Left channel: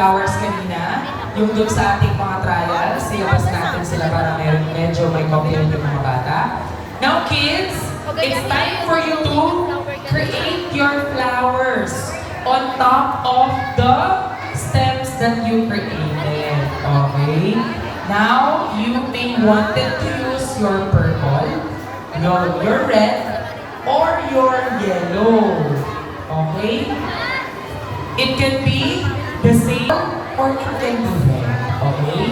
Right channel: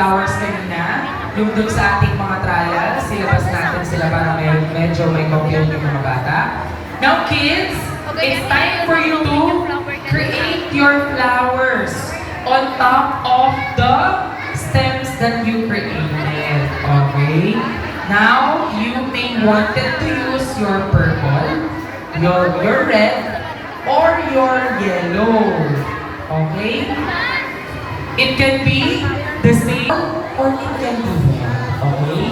flowers kanina, yung dun sa ating mga trials, silabas natin sila para medyo may kopya yung mga bata. Now kids, it's time for you to create your flowers on top of the stems that you created. Okay? Now, you may wanted to use your purple, your red, or your yellow. Okay? It can be the same or it can be red. Okay?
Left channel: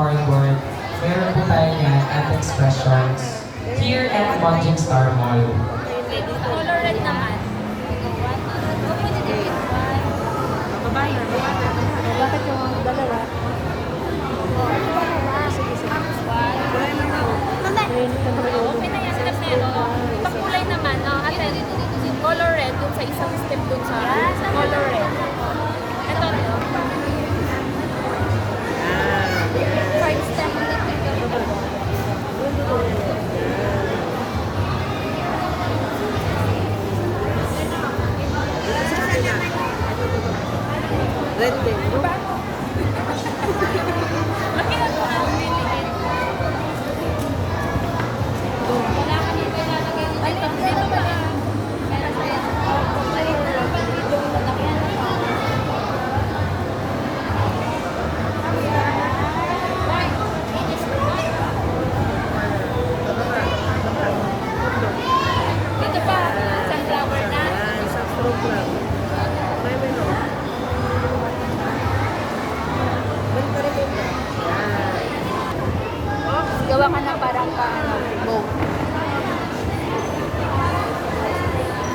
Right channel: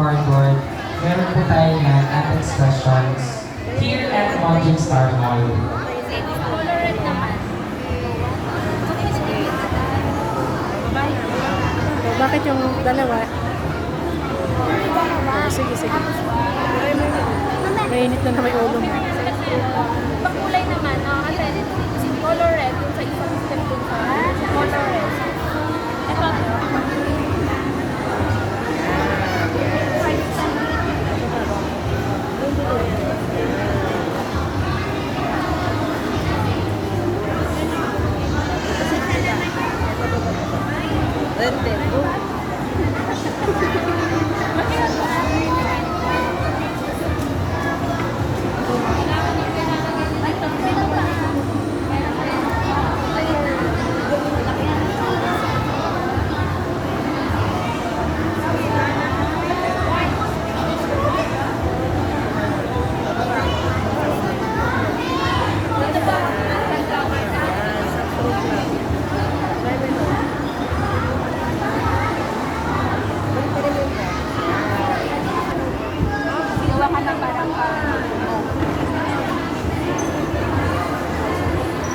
Cardboard, meron po tayo yan at expressions here at Monjing Star Mall. Colorant naman. Bakit yung dalawa? Sige, sige. Mainit lang kamay ulo mo. Pag kulay naman, no? Ate, colorant dun sa isang step dun sa colorant. Ito. Gawa ka na parang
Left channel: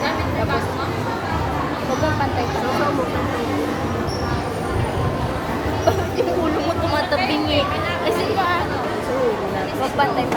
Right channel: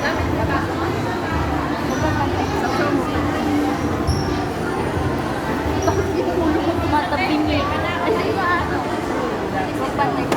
gamit ka ba mo? Magpapantay ka. Bakit yung ulo mo tumatabing eh? Kasi yung ano, magpantay ka.